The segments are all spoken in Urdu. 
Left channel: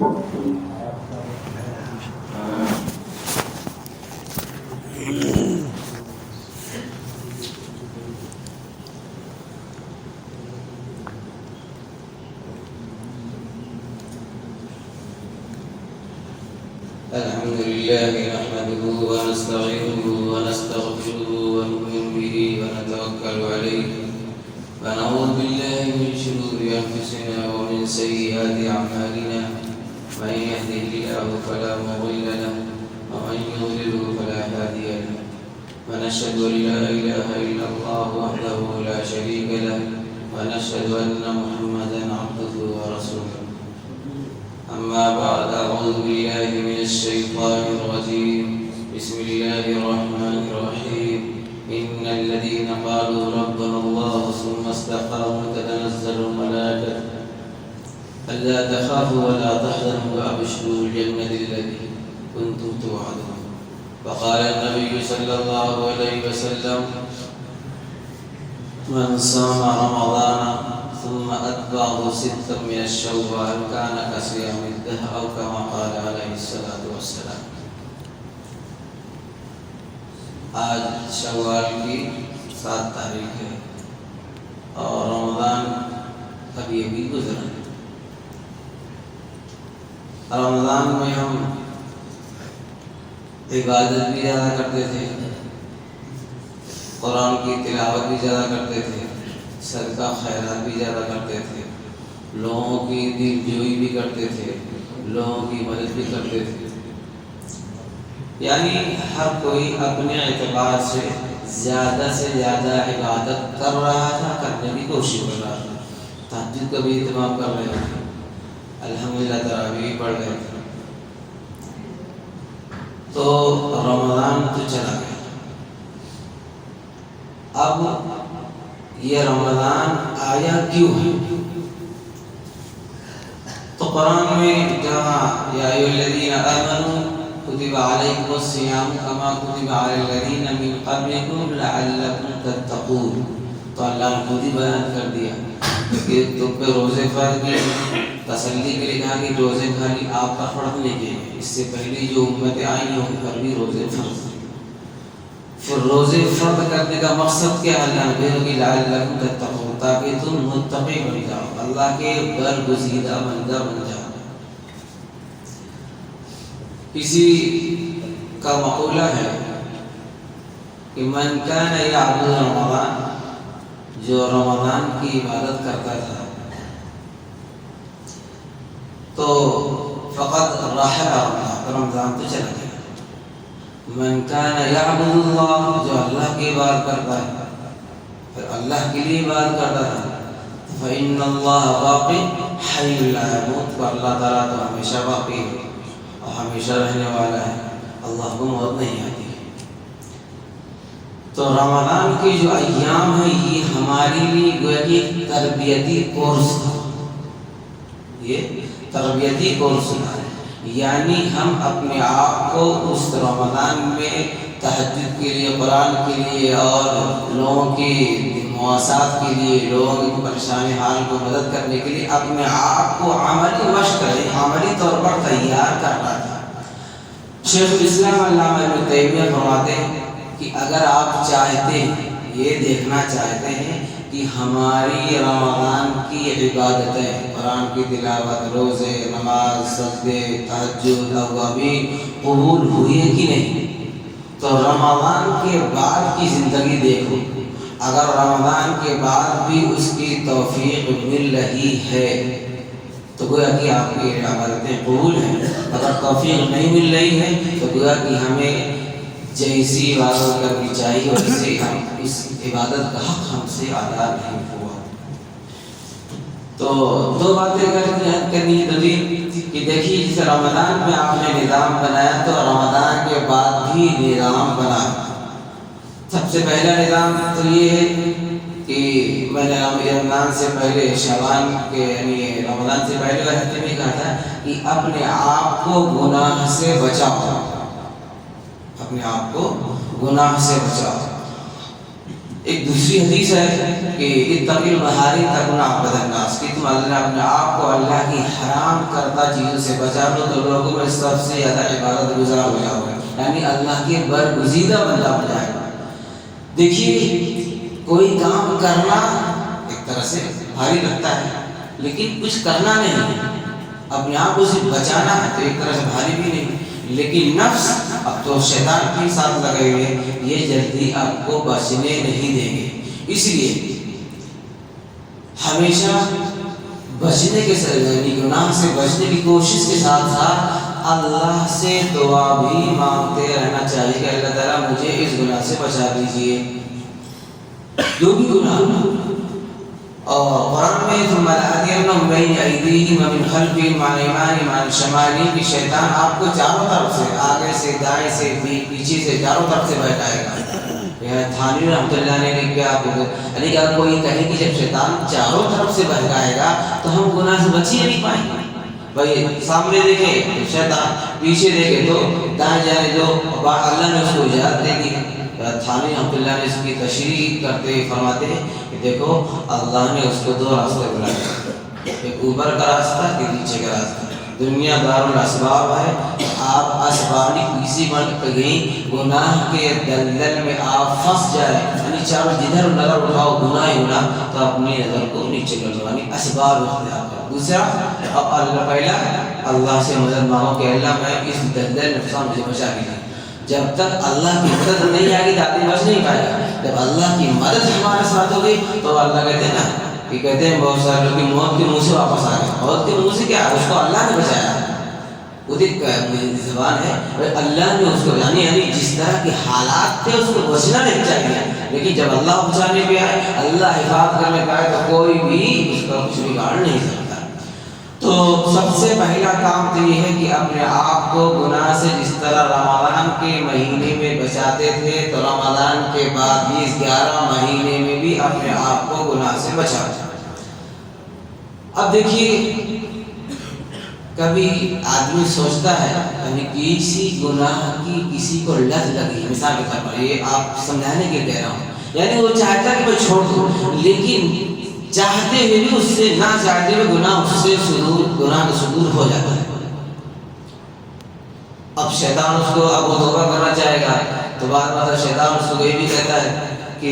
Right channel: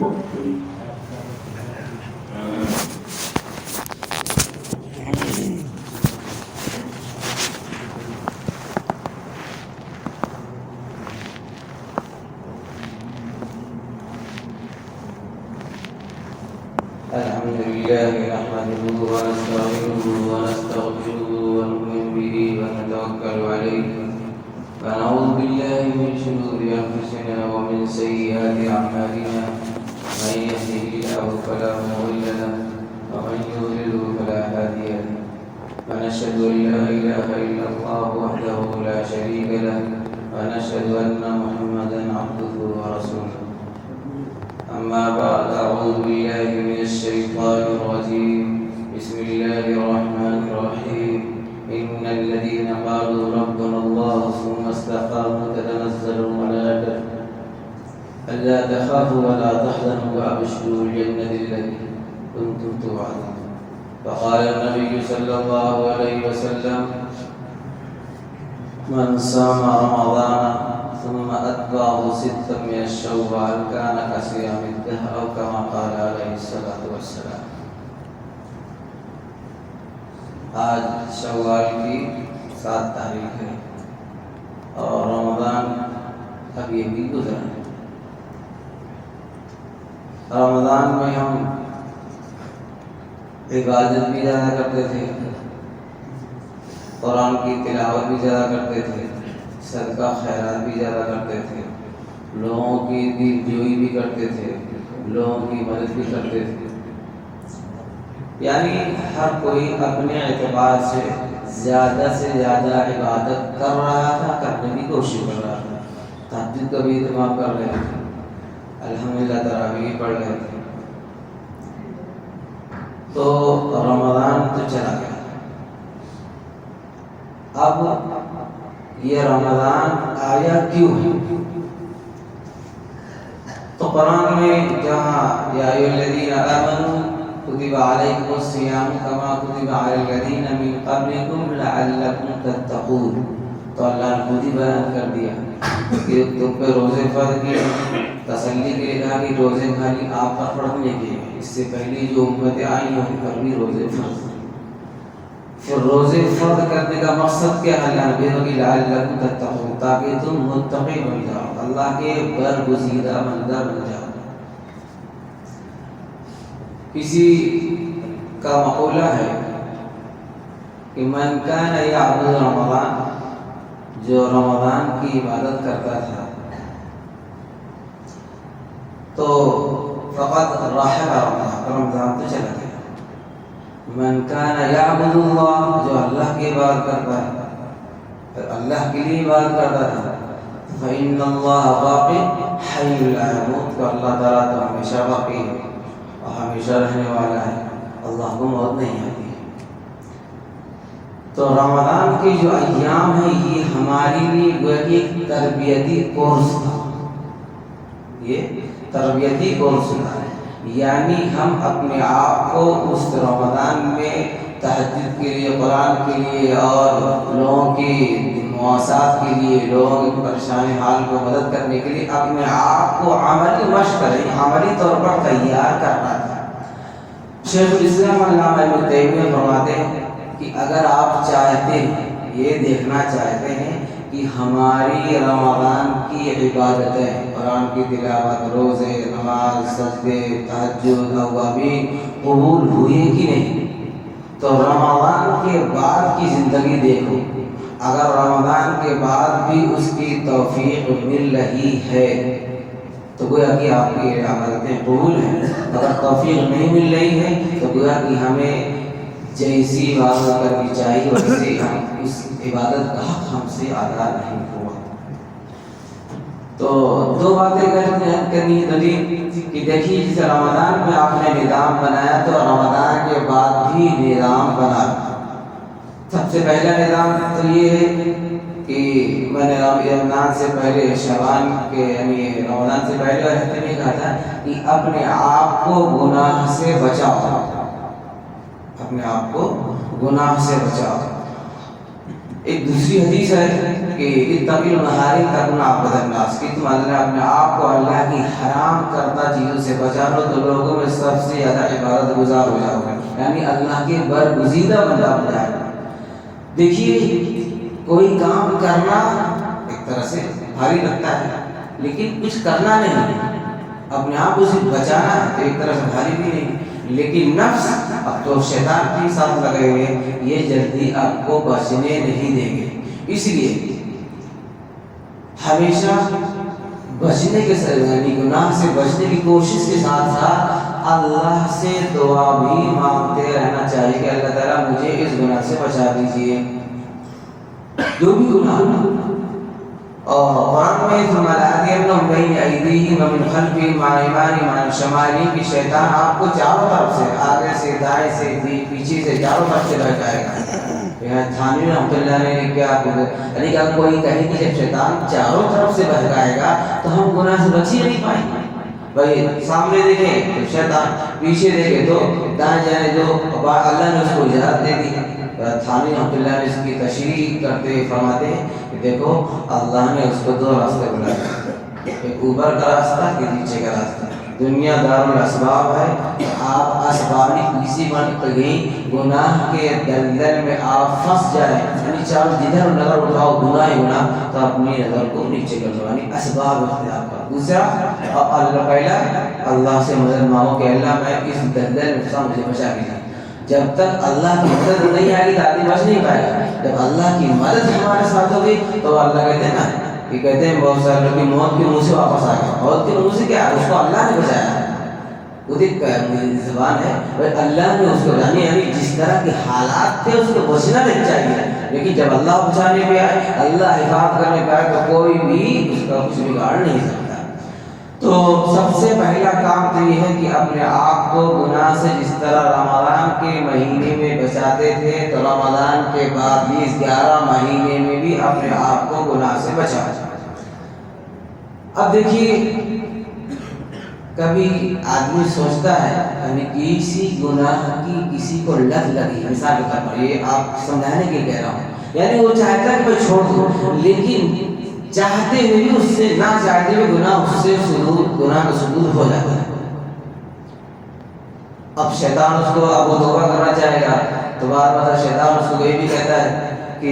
الحمد لله نحمده ونستعينه ونستغفره ونؤمن به ونتوكل عليه ونعوذ بالله من شرور أنفسنا ومن سيئات أعمالنا من يهده الله فلا مضل له ومن يضلل فلا هادي له ونشهد أن لا إله إلا الله وحده لا شريك له ونشهد أن محمدا عبده ورسوله. أما بعد أعوذ بالله من الشيطان الرجيم. بسم الله الرحمن الرحيم. إن الذين قالوا ربنا الله ثم استقاموا تتنزل الملائكة ألا تخافوا ولا تحزنوا وأبشروا بالجنة التي كنتم توعدون. وقال النبي صلى الله عليه وسلم: من صام رمضان ثم أتبعه ستا من الشوال كان كصيام الدهر أو كما قال عليه الصلاة والسلام. آج شوال کی 7 تاریخ ہے اور رمضان ابھی ابھی گزرا ہے. رمضان میں ہم عبادت بھی زیادہ کرتے تھے، قرآن کی تلاوت بھی زیادہ کرتے تھے، صدقہ خیرات بھی زیادہ کرتے تھے، لوگوں کی دل جوئی بھی کرتے تھے، لوگوں کی مدد بھی کرتے تھے. یعنی ہر کوئی اپنے اعتبار سے زیادہ عبادت کر رہا تھا، کرنے کی کوشش کر رہا تھا. تہجد کا بھی اہتمام کر رہے تھے، الحمدللہ تراویح پڑھ رہے تھے. تو رمضان تو چلا گیا. اب یہ رمضان آیا کیوں ہے؟ تو قرآن میں جہاں یا ایھا الذین آمنوا کتب علیکم الصیام کما کتب علی الذین من قبلکم لعلکم تتقون، تو اللہ نے خود ہی بیان کر دیا کہ تم پہ روزے فرض کیے. تسلی کے لیے کہا کہ روزے خالی آپ پر فرض نہیں کیے گئے، اس سے پہلی جو امتیں آئی ہیں ان پر بھی روزے فرض. پھر روزے فرض کرنے کا مقصد کیا ہے؟ اللہ نے لعلکم تتقون، تاکہ تم متقی بن جاؤ، اللہ کے برگزیدہ بندہ بن جاؤ. کسی کا مقولہ ہے کہ من کان یعبد رمضان، جو رمضان کی عبادت کرتا تھا تو فقط رحل رمضان تو چلا گیا. من کان یعبد اللہ، جو اللہ کی عبادت کرتا ہے، پھر اللہ کے لیے عبادت کرتا ہے، فإن اللہ باقی حی لا یموت، تو اللہ تعالیٰ تو ہمیشہ باقی ہے اور ہمیشہ رہنے والا ہے، اللہ کو موت نہیں آتی. تو رمضان کی جو ایام ہیں یہ ہماری لیے گویا کہ ایک تربیتی کورس تھا. یہ تربیتی کورس تھا، یعنی ہم اپنے آپ کو اس رمضان میں تہجد کے لیے، قرآن کے لیے اور لوگوں کی مواسات کے لیے، لوگوں کی پریشان حال کو مدد کرنے کے لیے اپنے آپ کو عملی مشق، عملی طور پر تیار کرنا تھا. شیخ الاسلام علامہ ابن تیمیہ فرماتے ہیں کہ اگر آپ چاہتے ہیں، یہ دیکھنا چاہتے ہیں کہ ہماری رمضان کی عبادتیں، قرآن کی تلاوت، روزے، نماز، سجدے، تہجد، اوابین قبول ہوئی کہ نہیں، تو رمضان کے بعد کی زندگی دیکھو. اگر رمضان کے بعد بھی اس کی توفیق مل رہی ہے تو گویا کہ آپ کی عبادتیں قبول ہیں. اگر توفیق نہیں مل رہی ہے تو گویا کہ ہمیں جیسی عبادت کرنی چاہیے ویسے ہم اس عبادت کا حق ہم سے ادا نہیں ہوا. تو 2 باتیں کرنی دلیل کہ دیکھیے جیسے رمضان میں آپ نے نظام بنایا تو رمضان کے بعد بھی نظام بنا. سب سے پہلا نظام تو یہ ہے کہ میں نے رمضان سے پہلے شعبان کے یعنی رمضان سے پہلے ہفتے میں کہا تھا کہ اپنے آپ کو گناہ سے بچاؤ، اپنے آپ کو گناہ سے بچاؤ. ایک دوسری حدیث ہے کہ اتقی المحارم تکن عبد الناس، کہ تم اللہ نے اپنے آپ کو اللہ کی حرام کردہ چیزوں سے بچا لو تو لوگوں میں سب سے زیادہ عبادت گزار ہو جاؤ گے، یعنی اللہ کے برگزیدہ بندہ ہو جائے گا۔ دیکھیے کوئی کام کرنا ایک طرح سے بھاری لگتا ہے، لیکن کچھ کرنا نہیں ہے، اپنے آپ کو سے بچانا ہے تو ایک طرح سے بھاری بھی نہیں، لیکن نفس اب تو شیطان کے ساتھ لگے ہوئے، یہ جلدی آپ کو بچنے نہیں دیں گے۔ اس لیے ہمیشہ بچنے کے یعنی گناہ سے بچنے کی کوشش کے ساتھ ساتھ اللہ سے دعا بھی مانگتے رہنا چاہیے کہ اللہ تعالیٰ مجھے اس گناہ سے بچا دیجیے، جو بھی گناہ۔ اور قرآن میں کہ شیطان آپ کو چاروں طرف سے، آگے سے، دائیں سے، پیچھے سے، چاروں طرف سے بہکائے گا۔ تھانوی رحمۃ اللہ نے کیا یعنی کہ کوئی کہے کہ جب شیطان چاروں طرف سے بہکائے گا تو ہم گناہ سے بچ ہی نہیں پائیں گے۔ بھائی سامنے دیکھیں تو شیطان، پیچھے دیکھیں تو دائیں جانے دو، اللہ نے اس کو اجازت دے دی۔ تھانوی رحمۃ اللہ نے اس کی تشریح کرتے ہوئے فرماتے ہیں کہ دیکھو اللہ نے اس کو دو راستے بنائے، ایک اوپر کا راستہ، ایک نیچے کا راستہ۔ دنیا دار الاسباب ہے، آپ اسباب کسی وقت گئی گناہ کے دلدل میں آپ پھنس جائیں، یعنی چاروں جدھر نظر اٹھاؤ گناہ ہی گناہ، تو اپنی نظر کو نیچے کر لو، یعنی اسباب اختیار کرو۔ دوسرا اللہ، پہلا اللہ سے مدد مانگو کہ اللہ میں اس دلدل میں پھنسا، مجھے بچا لیجیے۔ جب تک اللہ کی مدد نہیں آئے گی تو آدمی بچ نہیں پائے گا۔ جب اللہ کی مدد ہمارے ساتھ ہوگی تو اللہ کہتے ہیں نا کہ کہتے ہیں بہت سارے لوگ موت کے منہ سے واپس آ گئے، موت کے منہ سے کیا، اس کو اللہ نے بچایا۔ وہ زبان ہے اللہ نے اس کو، یعنی جس طرح کے حالات تھے اس کو بچنا نہیں چاہیے، لیکن جب اللہ بچانے پہ آئے، اللہ حفاظت کرنے پہ آئے تو کوئی بھی اس کا کچھ بگاڑ نہیں سکتا۔ تو سب سے پہلا کام تو یہ ہے کہ اپنے آپ کو گناہ سے، جس طرح رمضان کے مہینے میں بچاتے تھے تو رمضان کے بعد بھی اس 11 مہینے میں بھی اپنے آپ کو گناہ سے بچانا۔ اب دیکھیے کبھی آدمی سوچتا ہے یعنی کسی گناہ کی کسی کو لت لگی، مثال کے طور پر یہ آپ سمجھانے کے لیے کہہ رہا ہوں، یعنی وہ چاہتا ہے کہ میں چھوڑ دوں، لیکن چاہتے ہوئے بھی اس سے، نہ چاہتے ہوئے گناہ اس سے گناہ کا صدور ہو جاتا ہے۔ اب شیطان اس کو، اب وہ توبہ کرنا چاہے گا تو بار بار شیطان اس کو یہ بھی کہتا ہے کہ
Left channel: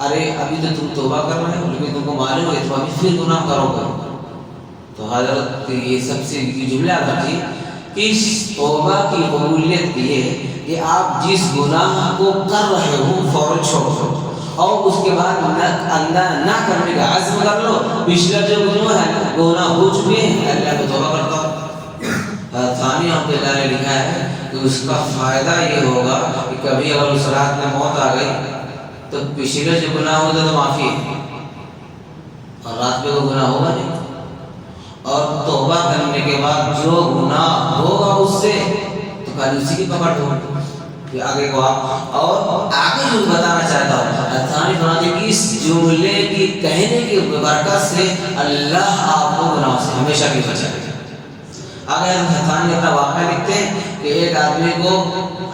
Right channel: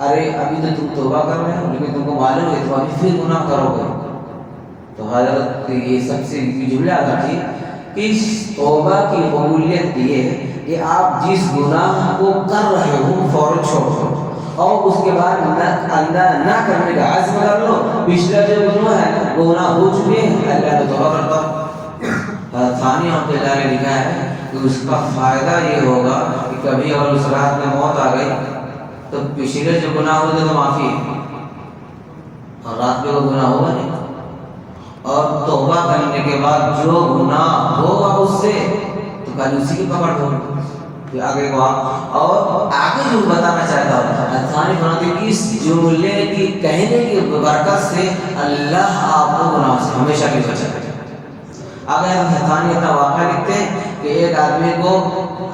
ارے ابھی تو تم توبہ کر رہے ہو لیکن تم کو معلوم ہے تم ابھی پھر گناہ کرو گے۔ تو حضرت یہ سب سے جملہ آتا تھی کہ اس توبہ کی قبولیت یہ ہے کہ آپ جس گناہ کو کر رہے ہو فوراً چھوڑ دو، اور اس کے بعد نہ کرنے کا عزم کر لو، پچھلا جو گناہ ہے گناہ ہو چکے ہیں، اللہ پہ توبہ کرتا ہوں۔ ثانی رحمۃ اللہ نے لکھا ہے کہ اس کا فائدہ یہ ہوگا کہ کبھی اگر اس رات میں موت آ گئی تو پچھلے جو گناہ ہوتا تو معافی ہے، اور رات میں وہ گناہ ہوگا نہیں، اور توبہ کرنے کے بعد جو گناہ ہوگا اس سے تو کل اسی کی پکڑ ہوگی۔ آگے کو اور آگے جو بتانا چاہتا ہوں، ثانی فرماتے ہیں کہ اس جملے کی کہنے کی برکت سے اللہ آپ کو گناہ سے ہمیشہ کے بچا لے۔ آگے ثانی اپنا واقعہ لکھتے ہیں کہ ایک آدمی کو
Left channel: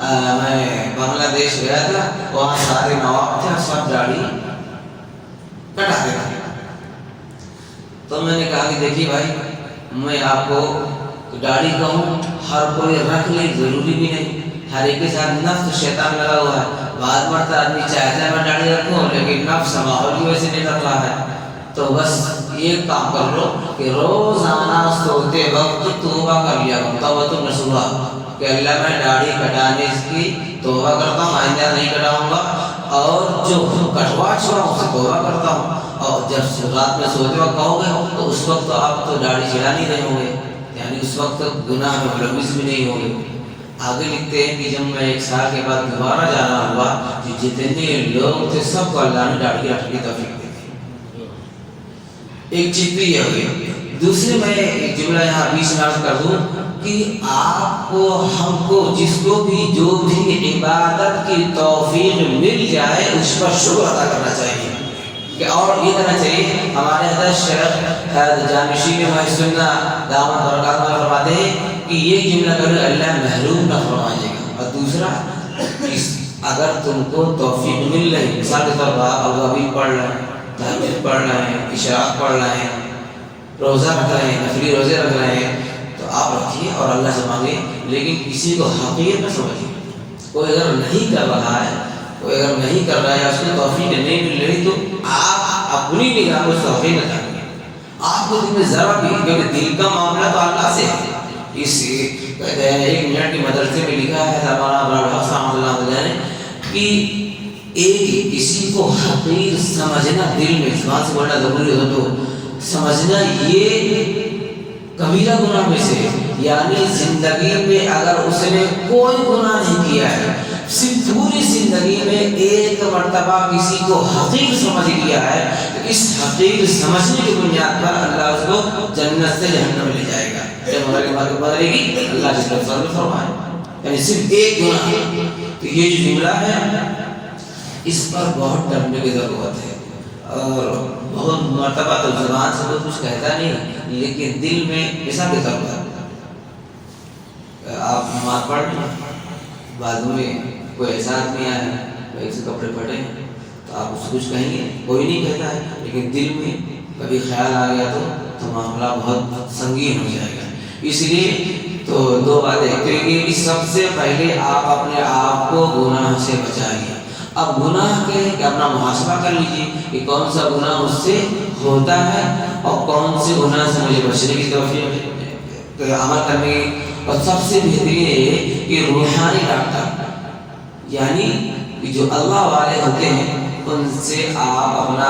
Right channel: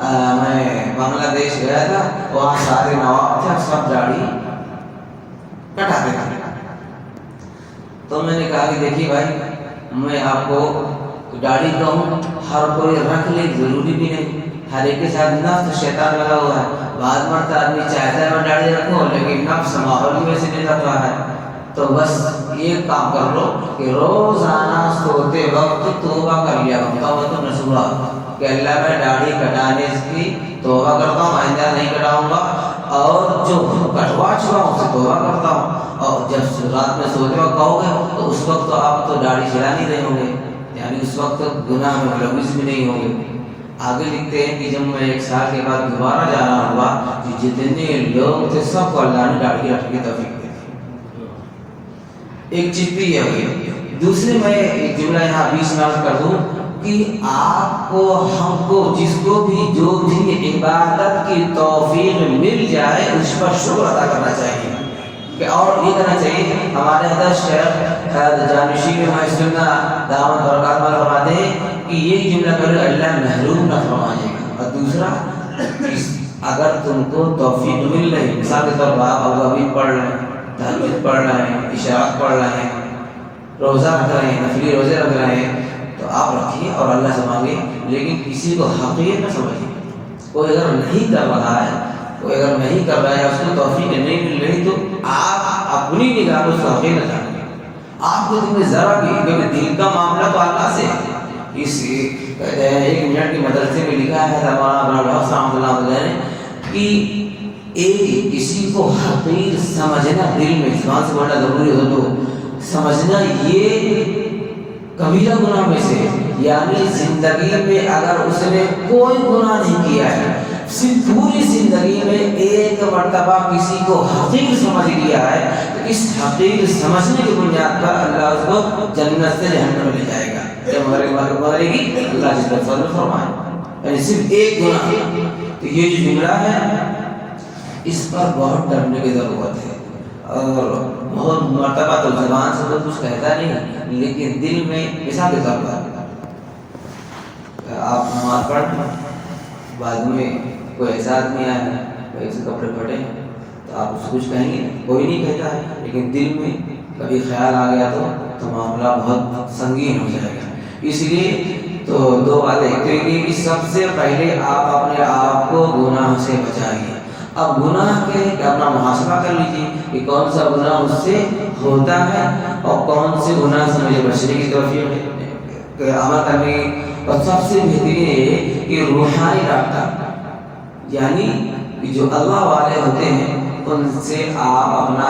میں بنگلہ دیش گیا تھا، وہاں سارے نواب تھے، سب داڑھی کٹاتے تھے۔ تو میں نے کہا کہ دیکھیے بھائی، میں آپ کو داڑھی کہوں، ہر کوئی رکھ لے، ضروری بھی نہیں، ہر ایک کے ساتھ نفس شیطان لگا ہوا ہے، بعض مرتبہ آدمی چاہتا ہے میں داڑھی رکھوں لیکن نفس ماحول کی وجہ سے نہیں رکھ رہا ہے۔ تو بس یہ کام کر لو کہ روزانہ سوتے وقت توبہ کر لیا کرو، توبۃ نصوحا، کہ اللہ میں داڑھی کٹانے کی توبہ کرتا ہوں، آئندہ نہیں کٹاؤں گا، اور جو کٹوا چکا ہوں اسے توبہ کرتا ہوں۔ اور جب رات میں سوتے وقت کہو گے تو اس وقت تو آپ تو داڑھی چلا نہیں رہے ہوں گے، یعنی اس وقت گناہ میں ملوث بھی نہیں ہوں گے۔ آگے لکھتے ہیں کہ جب میں 1 سال کے بعد دوبارہ جانا ہوا، جتنے لوگ تھے سب کو اللہ نے داڑھی رکھنے کی توفیق دی۔ ایک چیز بھی یہ ہوئی۔ دوسرے میں ایک جملہ یہاں بیچ میں عرض کر دوں کہ آپ کو، ہم کو، جس کو بھی جو بھی عبادت کی توفیق مل جائے اس پر شکر ادا کرنا چاہیے، کہ اور یہ کرنا چاہیے۔ ہمارے حضرت شیخ جانشین سنہ دامت برکات میں فرماتے ہیں کہ یہ جملہ کرے اللہ محروم نہ فرمائے گا، اور دوسرا اگر تم کو توفیق مل رہی، مثال کے طور پر آپ ابھی پڑھ رہے ہیں، تہجد پڑھ رہے ہیں، اشراق پڑھ رہے ہیں، روزہ رکھ رہے ہیں، نفلی روزے رکھ رہے ہیں، تو آپ رکھیے اور اللہ سے مانگیے، لیکن کسی کو حقیقت میں سمجھیے۔ کوئی اگر نہیں کر رہا ہے، کوئی اگر نہیں کر رہا ہے، اس کو توفیق نہیں مل رہی، تو آپ اپنی نگاہ کو توفیق نہ کریں۔ آپ کو دل میں ذرا بھی، کیونکہ دل کا معاملہ تو اللہ سے ہے۔ اس کہتے ہیں ایک منٹ کی مدرسے میں لکھا ہے ہمارا رحمۃ اللہ علیہ کہ ایک کسی کو حقیر سمجھنا، دل میں زبان سے بولنا ضروری ہو تو سمجھنا یہ کبیرہ گناہ میں سے، یعنی زندگی میں اگر اس نے کوئی گناہ نہیں کیا ہے، صرف پوری زندگی میں ایک مرتبہ کسی کو حقیر سمجھ لیا ہے، تو اس حقیر سمجھنے کی بنیاد پر اللہ اس کو جنت سے جہنم میں لے جائے گا۔ بدلے گی اللہ جس پر فضل فرمائے، یعنی صرف ایک گناہ۔ تو یہ جو جملہ ہے اس پر بہت ڈرنے کی ضرورت ہے، اور بہت مرتبہ تو زبان سے تو کچھ کہتا نہیں، لیکن دل میں مثال کے طور پر آپ نماز پڑھ بعد میں کوئی ایسا آدمی آیا ہے، کوئی سے کپڑے پھٹے ہیں، تو آپ اس سے کچھ کہیں گے، کوئی نہیں کہتا ہے، لیکن دل میں کبھی خیال آ گیا تو معاملہ بہت سنگین ہو جائے گا۔ اس لیے تو دو باتیں، کہ سب سے پہلے آپ اپنے آپ کو گناہ سے بچائیے۔ اب گناہ کے اپنا محاسبہ کر لیجیے کہ کون سا گناہ مجھ سے ہوتا ہے اور کون سے گناہ سے مجھے بچنے کی توفیق عمل کرنے کی۔ اور سب سے بہترین ہے کہ روحانی ڈاکٹر، یعنی جو اللہ والے ہوتے ہیں، ان سے آپ اپنا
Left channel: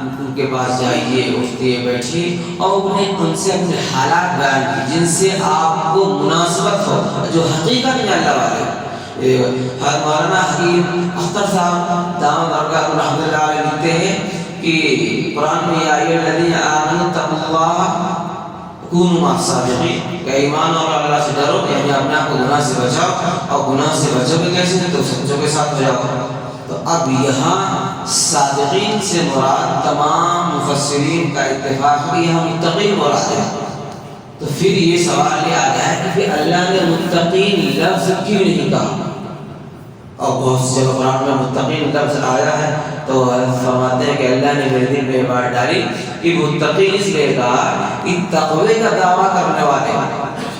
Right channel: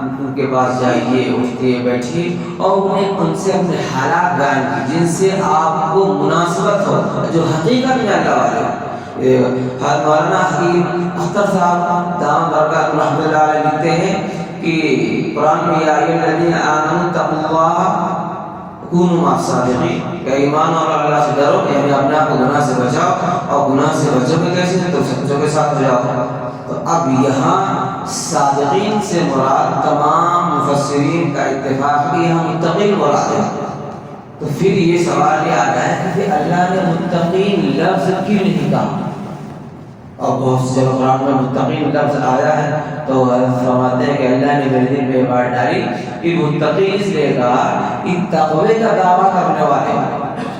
ان کے پاس جائیے، اٹھتے بیٹھیے اور انہیں ان سے اپنے حالات بیان کیجیے جن سے آپ کو مناسبت ہو، جو حقیقت میں اللہ والے ہیں۔ مولانا حکیم اختر صاحب دامت برکاتہ رحمۃ اللہ علیہ لکھتے ہیں کہ قرآن میں یا ایھا الذین آمنوا اتقوا اللہ کونوا مع الصادقین، کہ ایمان اور اللہ سے ڈرو، یعنی اپنے آپ کو گناہ سے بچاؤ، اور گناہ سے بچو گے کیسے؟ تو سچوں کے ساتھ جاؤ۔ تو اب یہاں صادقین سے مراد تمام مفسرین کا اتفاق بھی یہاں متقین مراد ہے۔ تو پھر یہ سوال یہ آتا ہے کہ اللہ نے متقین لفظ کیوں نہیں کہا؟ اور بہت سے قرآن میں متقین لفظ آیا ہے تو فرماتے ہیں کہ اللہ نے میرے دل میں بات ڈالی کہ متقی اس لیے کہا کہ تقوی کا دعویٰ کرنے والے،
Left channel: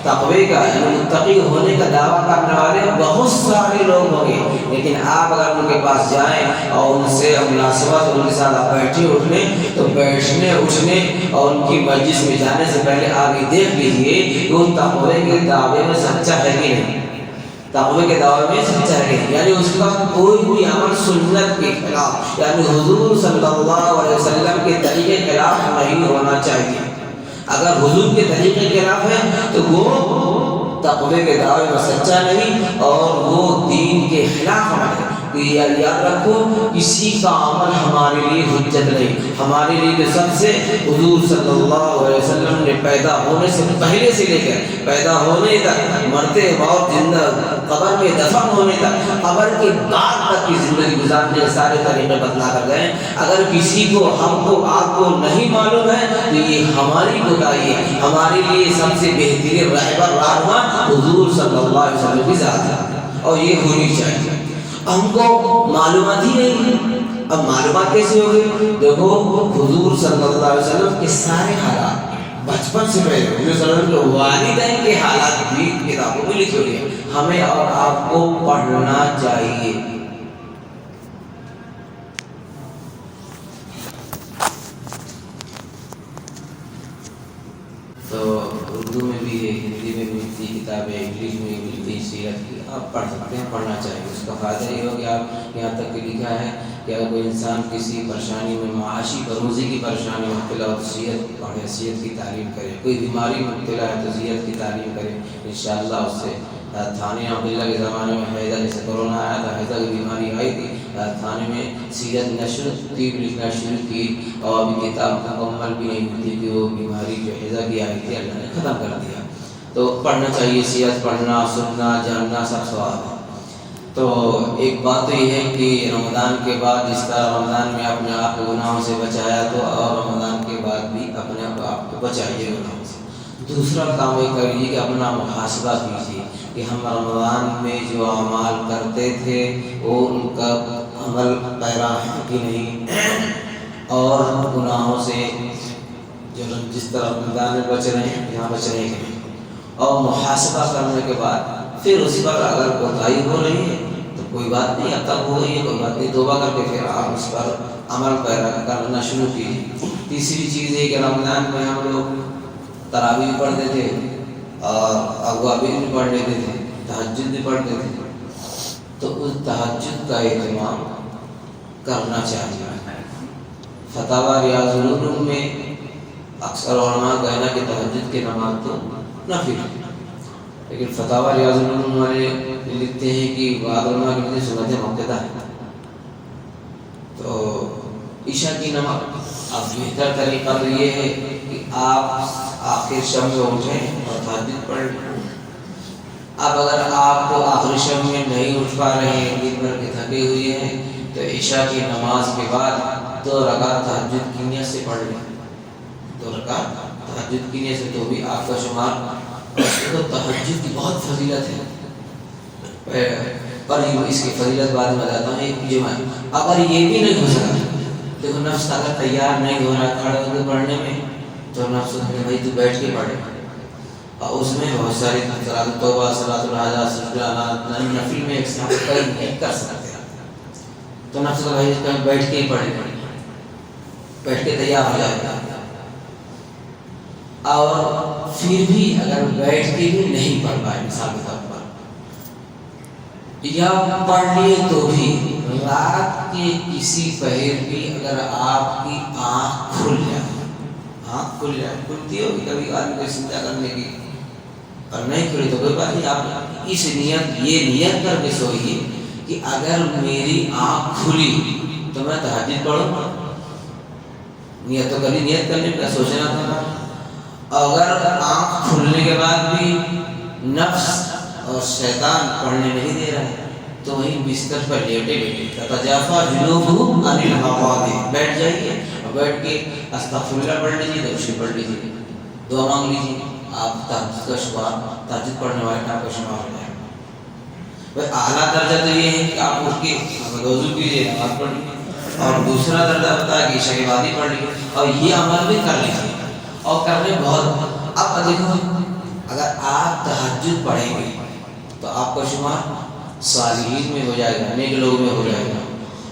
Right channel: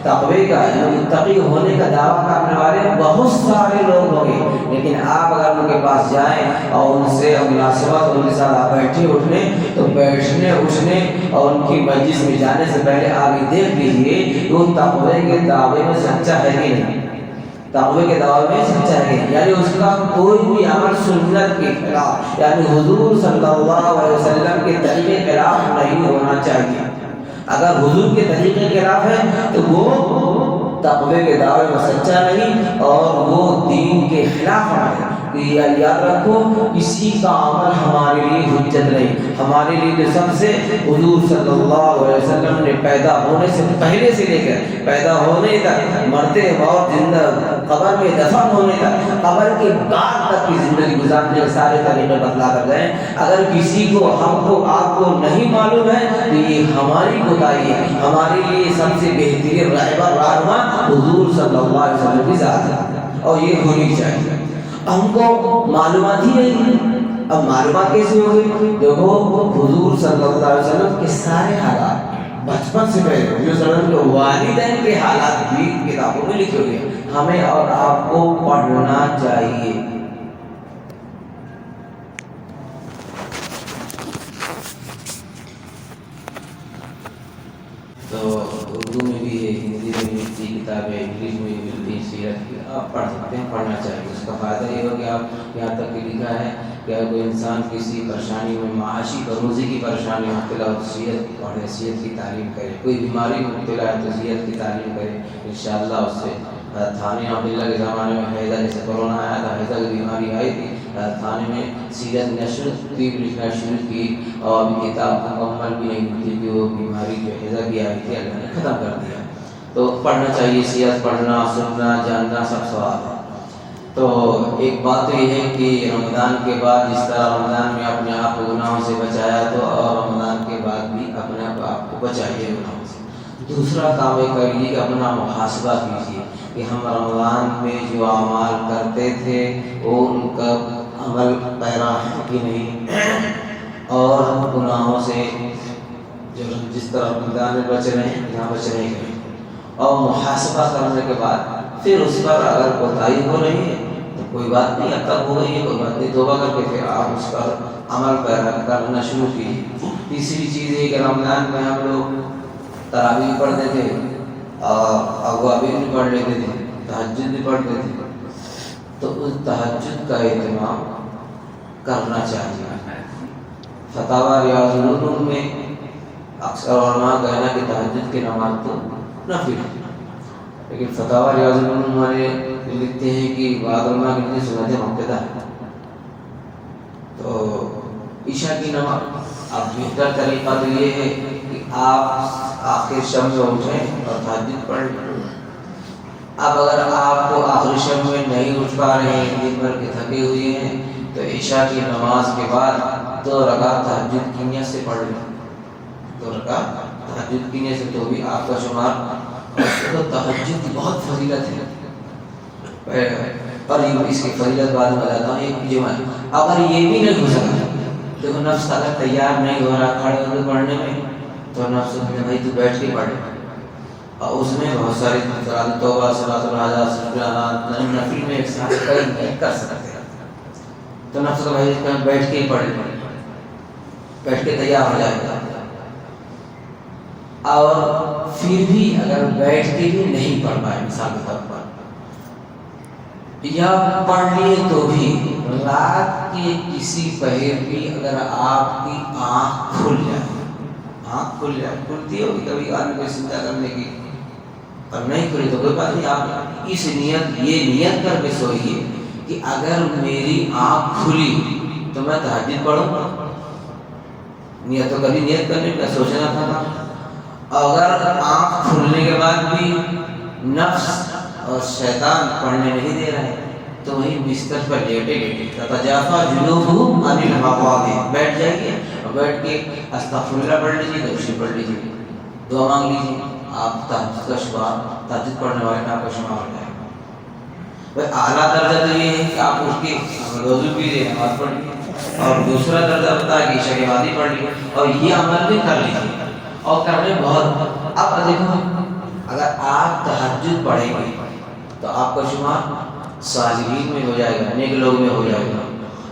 تقوی کا یعنی متقی ہونے کا دعویٰ کرنے والے بہت سارے لوگ ہوں گے، لیکن آپ اگر ان کے پاس جائیں اور ان سے مناسبت ان کے ساتھ آپ بیٹھے اٹھنے، تو بیٹھنے اٹھنے اور ان کی مجلس میں جانے سے پہلے آپ یہ دیکھ لیجیے کہ وہ تقوی کے دعوے میں سچا ہے کہ نہیں، تقوی کے دعوے میں سچا ہے، یعنی اس کا کوئی بھی عمل سنت کے خلاف، یعنی حضور صلی اللہ علیہ وسلم کے طریقے کے خلاف نہیں ہونا چاہیے۔ اگر حضور کے طریقے کے خلاف ہے تو وہ تقوی کے دعوے میں سچا نہیں اور وہ دین کے خلاف ہے۔ تو یہ یاد رکھو، کسی کا عمل ہمارے لیے حجت نہیں، ہمارے لیے سب سے حضور صلی اللہ علیہ وسلم نے پیدا ہونے سے پہلے سے لے کر پیدا ہونے تک، مرتے اور زندہ قبر میں دفن ہونے تک، قبر کے بعد تک کی زندگی گزارنے کے سارے طریقے بتلا کر گئے۔ اگر کسی کو، ہم کو، آپ کو نہیں معلوم ہے تو یہ ہماری کوتاہی ہے۔ ہمارے لیے سب سے بہترین رہبر رہنما حضور صلی اللہ علیہ وسلم کی ذات ہے، اور یہ ہونی چاہیے۔ ہم کو معلومات ہی نہیں، اب معلومات کیسے ہو گئی؟ دیکھو حضور صلی اللہ علیہ وسلم کے سارے حالات بچپن سے پہلے حضور صلی اللہ علیہ وسلم کے والدین کے حالات بھی کتابوں میں لکھے ہوئے ہیں، ہمیں اور آپ کو پڑھنا چاہیے۔ تو اردو میں بھی ہے، ہندی میں ملتی کتابیں، انگلش میں بھی ملتی سیرت کی، آپ پڑھ سکتے ہیں، پڑھنا چاہیے۔ اس کا فائدہ یہ ہو کہ آپ یہاں تک کہ لکھا ہے کہ اگر کوئی انسان کسی پریشانی میں، معاشی بروزی کی پریشانی میں مبتلا ہو تو سیرت پڑھے، سیرت کی تعلیم کرے۔ کوئی بیماری میں مبتلا ہے تو سیرت کی تعلیم کرے، انشاءاللہ اس سے تھانے عبداللہ کے زمانے میں حیضہ، جیسے کورونا آیا تھا، حیضہ کی بیماری آئی تھی، تھانے میں سیرت نشر طب لکھنا شروع کی، اور ابھی کتاب مکمل بھی نہیں ہوتی کہ وہ بیماری جو حیضہ کی آئی تھی اللہ نے ختم کر دیا۔ تو پڑھنا چاہیے، سیرت پڑھنا، سننا، جاننا سب ثواب ہے۔ تو ایک بات تو یہ ہے کہ رمضان کے بعد جس طرح رمضان میں اپنے آپ کو گناہوں سے بچایا، تو اور رمضان کے بعد بھی اپنے آپ کو بچائیے گناہوں سے۔ دوسرا کام یہ کریے کہ اپنا محاسبہ کیجیے کہ ہم رمضان میں جو اعمال کرتے تھے وہ ان کا عمل پیرا ہے کہ نہیں، اور گناہوں سے جو جس طرح رمضان میں بچ رہے ہیں یہاں بچ رہے ہیں، اور محاسبہ کرنے کے بعد پھر اس پر اگر کوتاہی ہو رہی ہے تو کوئی بات نہیں، اب تک ہو گئی ہے کوئی بات نہیں، توبہ کر کے پھر آپ اس پر عمل پیرا کرنا شروع کیجیے۔ تیسری چیز یہ کہ رمضان میں ہم لوگ تراویح بھی پڑھتے تھے اور اوابین بھی پڑھ لیتے تھے، تہجد بھی پڑھتے تھے، تو اس تہجد کا اہتمام کرنا چاہیے۔ فتاوی ریاض العلوم میں اکثر علماء کہنا کہ تہجد کی نماز تو نفل ہے، لیکن فتاوی ریاض العلوم والے لکھتے ہیں کہ بعض علماء کہتے ہیں سنت مقتدہ ہے۔ تو عشاء کی نماز اب بہتر طریقہ تو یہ ہے کہ آپ آخر شب میں اٹھیں اور تہجد پڑھ لیں۔ اب اگر آپ کو آخری شب میں نہیں اٹھ پا رہے ہیں، دن بھر کے تھکے ہوئے ہیں، تو عشاء کی نماز کے بعد 2 رکعت تہجد کی نیت سے پڑھ لیں، 2 رکعت تہجد کی نیت سے، تو بھی آپ کا شمار۔ تہجد کی بہت فضیلت ہے، اور اس کی فضیلت بعد میں بتاتا ہوں۔ اگر یہ بھی نہیں ہو سکا، دیکھو نفس اگر تیار نہیں ہو رہا کھڑے ہو کے پڑھنے میں، تو نفس میں بھائی تو بیٹھ کے پڑھے، اور اس میں بہت ساری صلاۃ توبہ، صلاۃ الحاجات، سجدات، نفل میں ایک ساتھ کئی نہیں کر سکتے، تو نفس کا بھائی بیٹھ کے ہی پڑھے، بیٹھ کے تیار ہو جائے گا۔ اور پھر بھی اگر بیٹھ کے بھی نہیں پڑھ پائے مثال کے طور پر، یا پڑھ لیے تو بھی رات کے کسی پہر بھی اگر آپ کی آنکھ کھل جائے، کھلتی ہے کبھی آدمی کوئی سنتا کرنے کی، اور نہیں کھلی تو کوئی بات نہیں، آپ اس یہ نیت کر کے سوئیے کہ اگر میری آنکھ کھلی تو میں تہجد پڑھوں۔ نیت تو کبھی نیت کرنے کا سوچنا تھا۔ اگر آنکھ کھلنے کے بعد بھی نفس اور شیطان پڑھنے نہیں دے رہے، تو وہی بستر پر لیٹے تتجافا جنوبہم عن المضاجع، بیٹھ جائیے اور بیٹھ کے استغفر اللہ پڑھ لیجیے، درود پڑھ لیجیے، دعا مانگ لیجیے، آپ تہجد کا شمار، تہجد پڑھنے والے آپ کا شمار ہو جائے گا۔ اعلیٰ درجہ تو یہ ہے کہ آپ اٹھ کے وضو کیجیے، نماز پڑھیے، اور دوسرا درجہ ہوتا ہے کہ عشاء کے بعد ہی پڑھ لیجیے، اور یہ عمل بھی کر لیجیے، اور کرنے بہت۔ اب دیکھو اگر آپ تہجد پڑھیں گے تو آپ کا شمار صالحین میں ہو جائے گا، نیک لوگ میں ہو جائے گا۔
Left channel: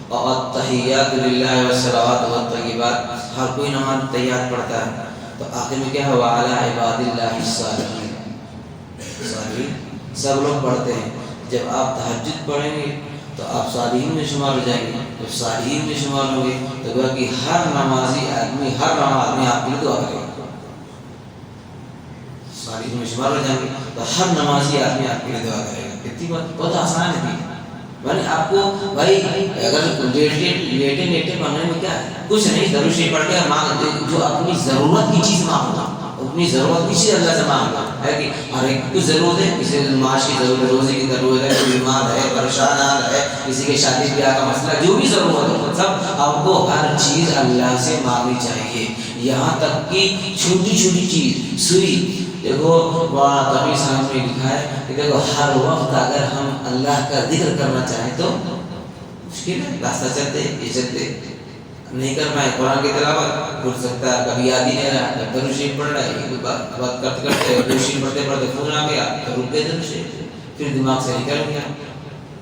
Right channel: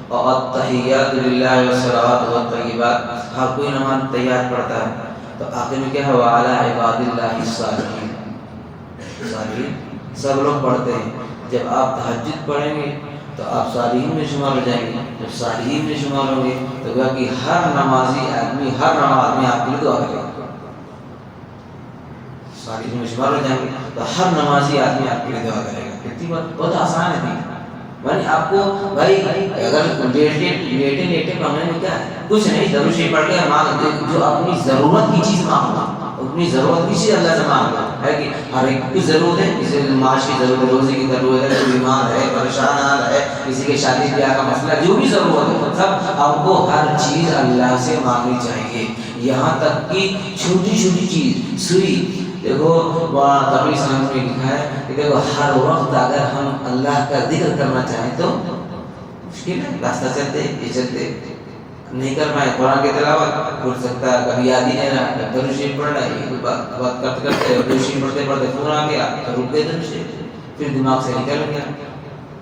اور التحیات للہ والصلوات والطیبات، ہر کوئی نماز تیار پڑھتا ہے، تو آخر میں کیا ہے، وعلی عباد اللہ الصالحین، صالحین سب لوگ پڑھتے ہیں۔ جب آپ تہجد پڑھیں گے تو آپ صالحین میں شمار ہو جائیں گے، جب صالحین میں شمار ہوں گے تو گویا کہ ہر نمازی آدمی، ہر نماز آپ کے لیے دعا کرے گا۔ صالحین میں شمار ہو جائیں گے تو ہر نمازی آدمی آپ کے لیے دعا کرے گا۔ کتنی بہت آسان ہے، یعنی آپ کو بھائی اگر لیٹے پڑھنے میں کیا ہے، کچھ نہیں، درود شریف پڑھ کے مانگ، جو اپنی ضرورت کی چیز مانگنا، اپنی ضرورت کی چیز اللہ سے مانگنا ہے کہ ہر ایک کی ضرورت ہے، کسی کو معاش کی ضرورت ہے، روزے کی ضرورت ہے، کوئی بیمار ہے، پریشان ہے، کسی کے شادی بیاہ کا مسئلہ، جو بھی ضرورت ہے سب آپ کو ہر چیز اللہ سے مانگنی چاہیے، یہاں تک کہ چھوٹی چھوٹی چیز سوئی۔ دیکھو تقی صاحب نے لکھا ہے کہ دیکھو ہر وقت اگر ہم اللہ کا ذکر کرنا چاہیں تو مشکل ہے، راستہ چلتے یہ چلتے نہیں کر پائے، قرآن کی تلاوت بھول سکتا ہے، کبھی یاد ہی نہیں رہا، درود شریف پڑھ رہا ہے، بات کرتے کرتے درود شریف پڑھتے پڑھتے فون آ گیا تو رک گئے درود شریف، پھر دماغ سے نکل گیا،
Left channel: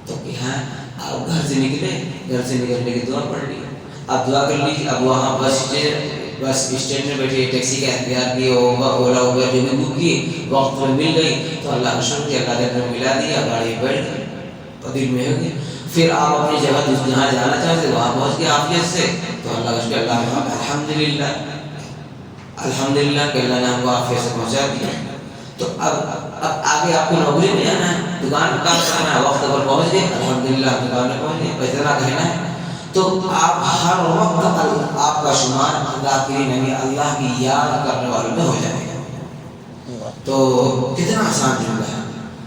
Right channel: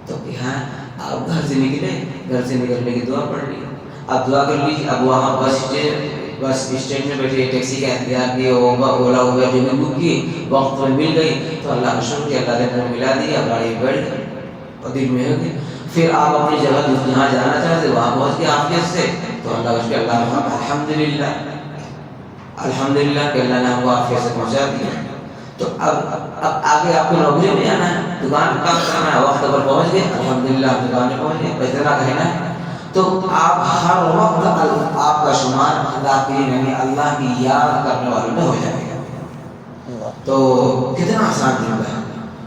تو کہ ہاں آپ گھر سے نکلے، گھر سے نکلنے کی دعا پڑھ لی، اب دعا کر لیجیے، اب وہاں بس اسٹینڈ میں بیٹھے ٹیکسی کا انتظار کیے، اولا وغیرہ جو بھی بک کی وقت میں مل گئی تو اللہ کا شکر کیا، اللہ نے ملا دیا، گاڑی بیٹھ گئی اور دل میں ہو گئی، پھر آپ اپنی جگہ جہاں جانا چاہتے وہاں پہنچ گئے عافیت سے، تو اللہ کا شکر، اللہ الحمدللہ الحمدللہ کہ اللہ نے ہم کو عافیت سے پہنچا دیا۔ تو اب آگے آپ کو نوکری میں جانا ہے، دکان کام کرنا ہے، وقت پر پہنچ گئے الحمدللہ، آپ دکان میں پہنچ گئے، اتنا کہنا ہے، تو آپ ہر وقت آپ کا شمار اللہ کی، یعنی اللہ کی یاد کرنے والوں میں ہو جائے گا۔ تو کتنا آسان جملہ ہے،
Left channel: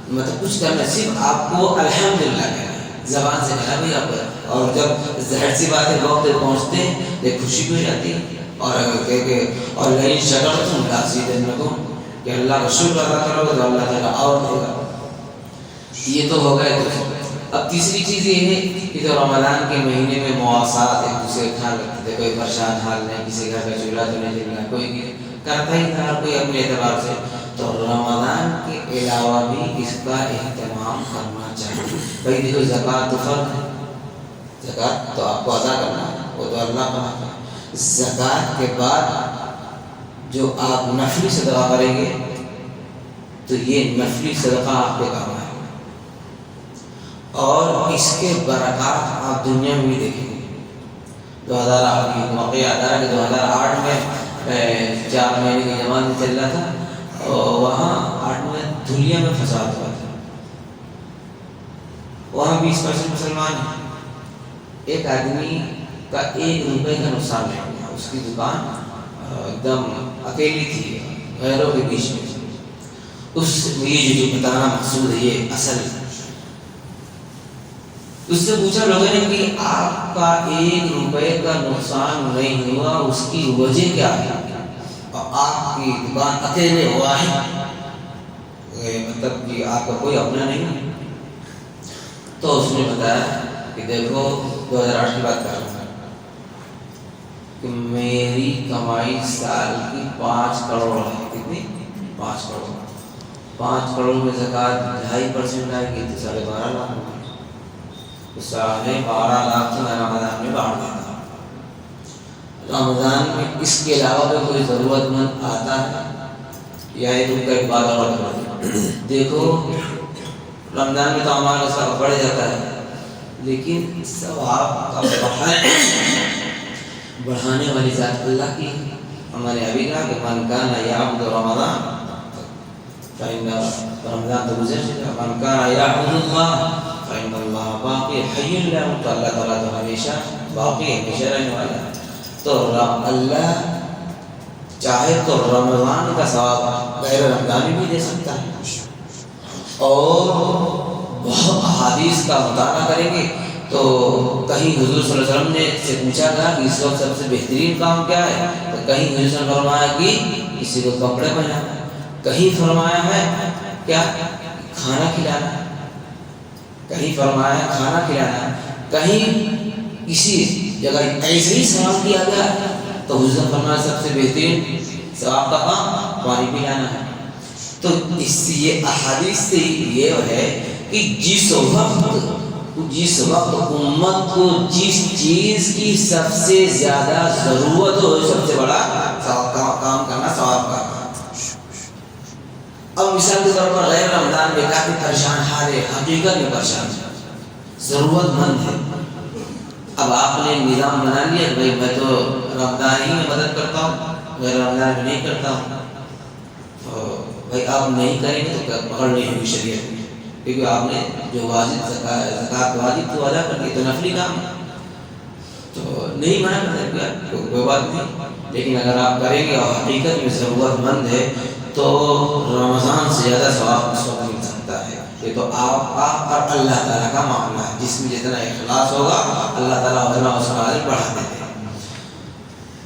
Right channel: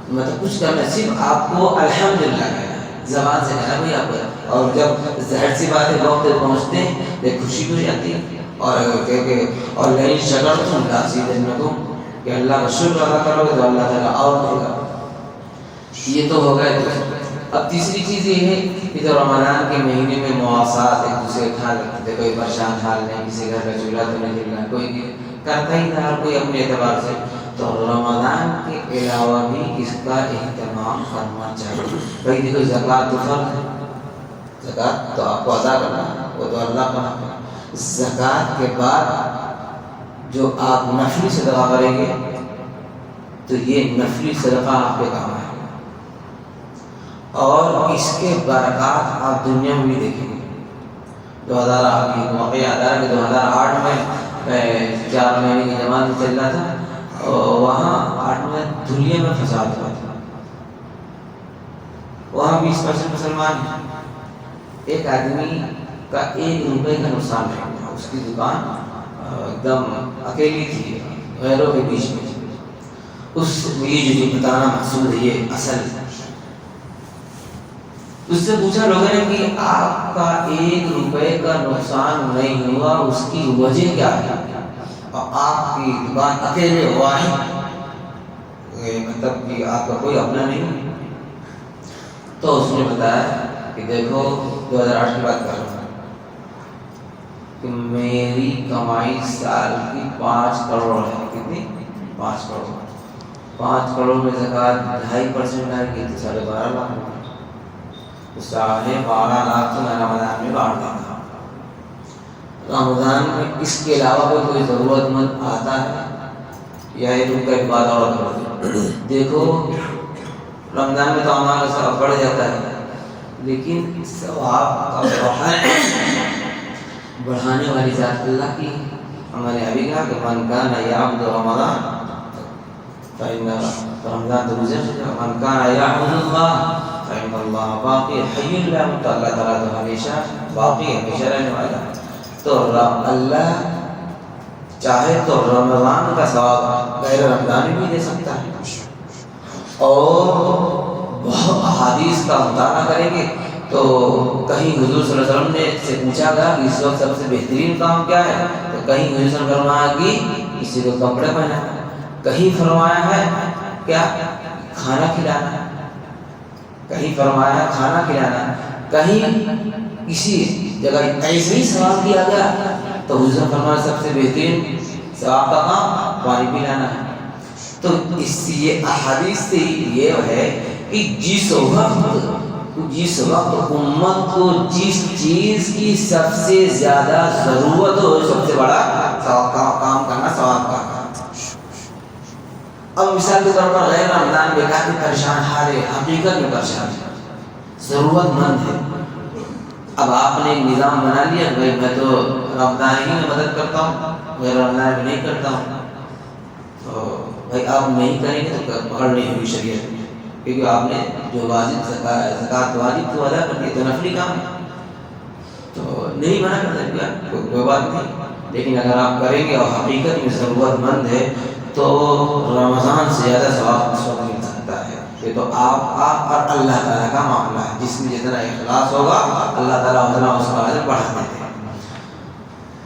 مطلب کچھ کرنا، صرف آپ کو الحمدللہ کہنا ہے، زبان سے کہنا بھی آپ کو، اور جب ظاہر سی بات ہے وقت پہ پہنچتے ہیں ایک خوشی بھی ہو جاتی ہے، اور اگر کہ اور لئن شکرتم لازیدنکم، کہ اللہ کا شکر ادا کرو تو اللہ تعالیٰ اور دے گا. یہ تو ہو گئے. اب تیسری چیز یہ ہے کہ جو رمضان کے مہینے میں مواسات ایک دوسرے کا خیال رکھتے تھے. کوئی پریشان حال نہیں, کسی گھر کا چولہا تو نہیں جل رہا, کوئی کرتا ہی تھا کوئی اپنے اعتبار سے. تو رمضان کے علاوہ بھی اس کا اہتمام کرنا چاہیے. بھائی دیکھو زکوٰۃ تو فرض ہے, زکوٰۃ تو آپ کو ادا کرنا ہے, وہ تو اللہ کا حق ہے. زکوٰۃ کے بعد جو آپ نفلی صدقہ کریں گے تو یہ نفلی صدقہ آپ پہ کام آئے گا, اور اس کے برکات آپ دنیا میں بھی دیکھیں گے. 2008 کی موقع یاد آ رہا کہ 2008 میں 4 مہینے کی جماعت میں چل رہا تھا, اور وہاں 8 میں دنیا میں فساد ہوا تھا. وہاں 20% مسلمان ہیں. ایک آدمی کا 1 روپے کا نقصان نہیں ہوا. اس کی دکان ایک دم اکیلی تھی غیروں کے بیچ میں. یہ جو بتانا مقصود ہے یہ اصل. اس سے پوچھا لوگوں نے کہ آپ کا 1 روپے کا نقصان نہیں ہوا, اس کی وجہ کیا ہے, اور آپ کی دکان اکیلے ہوا ہے, مطلب کہ آپ کا کوئی اپنا نہیں ہے. تو اس نے بتایا کہ دیکھو 2008 کی بات کر رہا ہوں کہ میری کمائی سال کی 5 کروڑ ہے. کتنی؟ 5 کروڑ. 5 کروڑ میں زکوٰۃ 2.5% آئے گی تو 12.5 لاکھ ہوگی. 12.5 لاکھ تو میں رمضان میں بانٹ دیتا ہوں. رمضان میں اس کے علاوہ کوئی ضرورت مند آتا ہے یا یہ تم کا ایک بات اور دیکھو, رمضان میں تو ہمارا ثواب بڑھ جاتا ہے, لیکن ثواب کا بڑھانے والی ذات اللہ کی. ہمارے ابھی کہا کہ من کان یعبد رمضان فإن رمضان تو گزر چکا, من کان یعبد اللہ فإن اللہ باقی حی لا يموت. اللہ تعالیٰ تو ہمیشہ باقی ہے, ہمیشہ رہنے والا ہے. تو اللہ چاہے تو رمضان کا ثواب غیر رمضانی بھی دے سکتا ہے. اور بہت احادیث کا مطالعہ کریں گے تو کہیں حضور صلی اللہ علیہ وسلم نے سے پوچھا گیا کہ اس وقت سب سے بہترین کام کیا ہے, تو کہیں حضور صلی اللہ علیہ وسلم نے فرمایا کہ کسی کو کپڑے پہنانا, کہیں فرمایا ہے کیا کھانا کھلانا, کہیں فرمایا ہے کھانا کھلانا, کہیں کسی جگہ ایسے ہی سوال کیا گیا تو حضور نے فرمایا سب سے بہترین ثواب کا کام پانی پلانا ہے. تو اس یہ احادیث سے یہ ہے کہ جس وقت امت کو جس چیز کی سب سے زیادہ ضرورت ہو, سب سے بڑا کام کرنا ثواب کا. اب مثال کے طور پر غیر رمضان میں کافی پریشان حال ہے, حقیقت میں پریشان ہے, ضرورت مند ہے. اب آپ نے نظام بنا لیا کہ میں تو رمضان ہی میں مدد کرتا ہوں, غیر رمضان میں نہیں کرتا ہوں. تو بھائی آپ نہیں کریں گے تو پکڑ نہیں ہوگی شریعت میں, کیونکہ آپ نے جو واجب زکوٰۃ واجب تو ادا کر دی, تو نفلی کام ہے تو نہیں منع کرتے کوئی بات نہیں. لیکن اگر آپ کریں گے اور حقیقت میں ضرورت مند ہے تو رمضان سے زیادہ ثواب اس وقت مل سکتا ہے. یہ تو آپ اور اللہ تعالیٰ کا معاملہ ہے, جس میں جتنا اخلاص ہوگا اللہ تعالیٰ اتنا اس کا اجر بڑھا دیتے ہیں.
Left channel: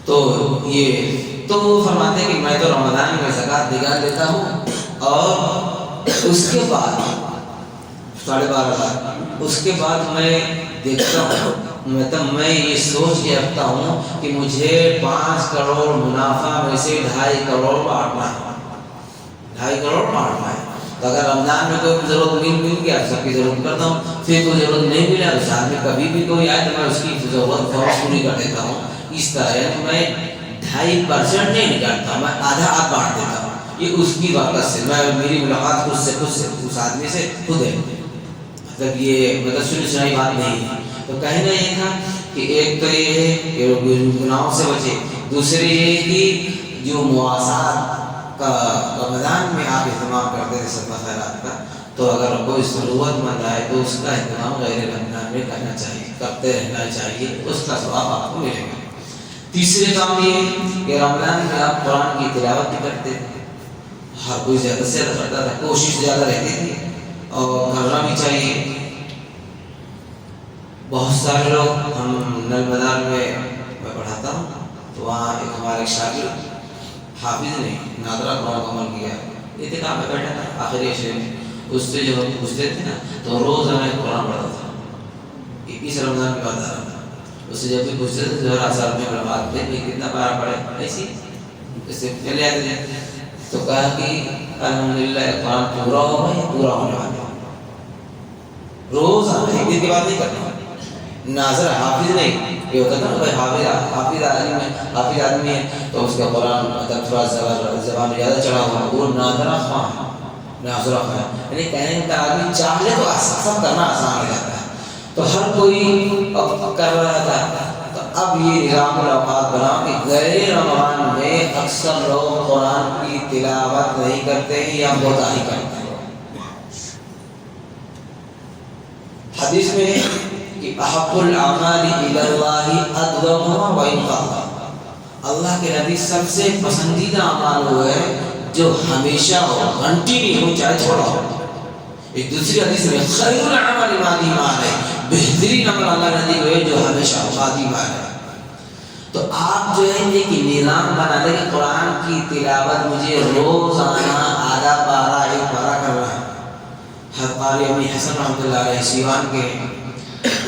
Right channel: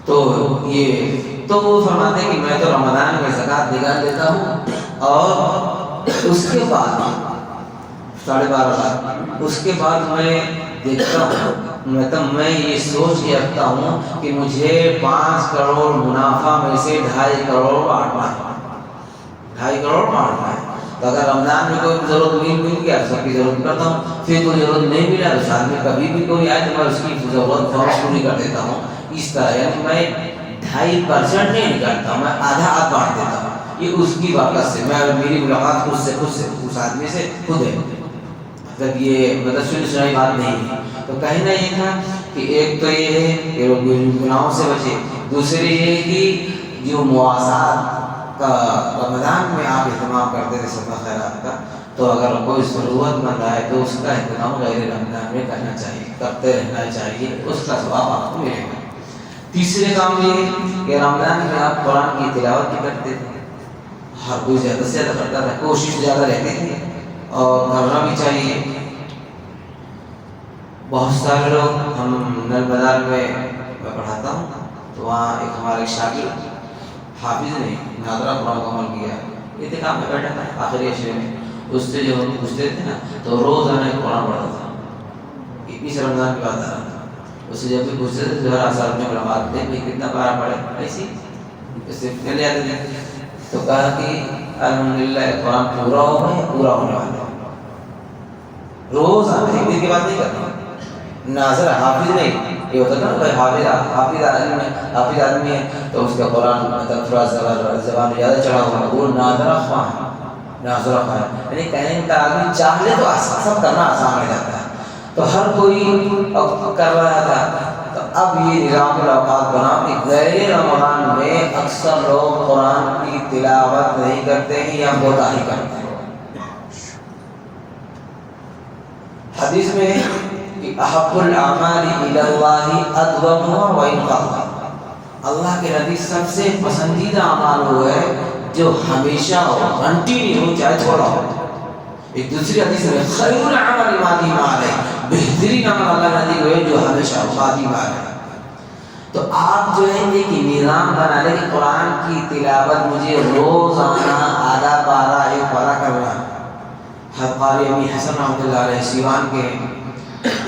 تو یہ تو فرماتے ہیں کہ میں تو رمضان میں زکوٰۃ نکال دیتا ہوں, اور اس کے بعد 12.5 لاکھ اس کے بعد میں دیکھتا ہوں, مطلب میں یہ سوچ کے رکھتا ہوں کہ مجھے 5 کروڑ منافع میں سے 2.5 کروڑ بانٹنا ہے. 2.5 کروڑ بانٹنا ہے. تو اگر رمضان میں کوئی ضرورت مل گیا سب کی ضرورت کرتا ہوں, پھر کوئی ضرورت نہیں ملا تو ساتھ میں کبھی بھی کوئی آئے تو میں اس کی ضرورت فوراً پوری کر دیتا ہوں. اس طرح یعنی میں 2.5% نہیں نکالتا ہوں, میں آدھا بانٹ دیتا ہوں. یہ اس کی واقعہ سے میری ملاقات خود سے اس آدمی سے خود ہے, مطلب یہ سنی بات نہیں ہے. تو کہنا یہ تھا کہ ایک تو یہ ہے کہ گناہوں سے بچے, دوسری یہ ہے کہ جو مواسات کا رمضان میں آپ اہتمام کرتے تھے صدقہ خیرات کا, تو اگر کوئی ضرورت مند آئے تو اس کا اہتمام غیر رمضان میں کرنا چاہیے, کرتے رہنا چاہیے, اس کا ثواب آپ کو ملے گا. تیسرے کام یہ ہے کہ رمضان میں آپ قرآن کی تلاوت بھی کرتے تھے, ہر کوئی زیادہ سے زیادہ کرتا تھا, کوشش زیادہ رہتی تھی اور کرنا بھی چاہیے. بہت سارے لوگ, ہم نل بازار میں پڑھاتا ہوں تو وہاں ایک ہمارے شاگرد حافظ نے نادرہ قرآن کو عمل کیا، اعتکاف میں بیٹھا تھا آخری عشرے میں، اس سے جو پوچھتے تھے نا تو روزانہ ایک قرآن پڑھتا تھا، اس رمضان کے بعد آ رہا تھا، اس سے جب بھی پوچھتے تھے ظہر اثر میں برباد تھے بھائی کتنا پارا پڑھے ایسی اس سے چلے آتے تھے، تو کہا کہ الحمدللہ یہ قرآن پورا ہوگا یا پورا ہونے والا ہے، روزانہ ایک دن کے بعد نہیں کرنا، ناظر حافظ نہیں، یہ ہوتا تھا نا بھائی حافظ آدمی ہے تو اس کا قرآن مطلب تھوڑا زبان زیادہ چڑھا ہوا ہے، وہ ناظرہ خواہ ہے، یعنی کہنے کا آدمی چاہ لے تو سب کرنا آسان ہو جاتا ہے، تو ہر کوئی کر رہا تھا، تو اب یہ نظام الاوقات بنا کہ غیر رمضان میں اکثر لوگ قرآن کی تلاوت نہیں کرتے ہیں یا کوتاہی کرتے ہیں۔ حدیث میں ہے کہ احب الاعمال الی اللہ ادومها وان قل، اللہ کے نبی سب سے پسندیدہ اعمال وہ ہے جو ہمیشہ ہو، کنٹینیو ہو، چاہے تھوڑا ہو۔ ایک دوسری حدیث میں خیر العمل ما دام علیہ، بہترین عمل اللہ نبی وہ ہے جو ہمیشہ ما دام علیہ۔ تو آپ جو ہے ایک نظام بنا لیں کہ قرآن کی تلاوت مجھے روزانہ آدھا پارہ ایک پارہ کرنا ہے۔ حضرت قاری امی حسن رحمۃ اللہ علیہ سیوان کے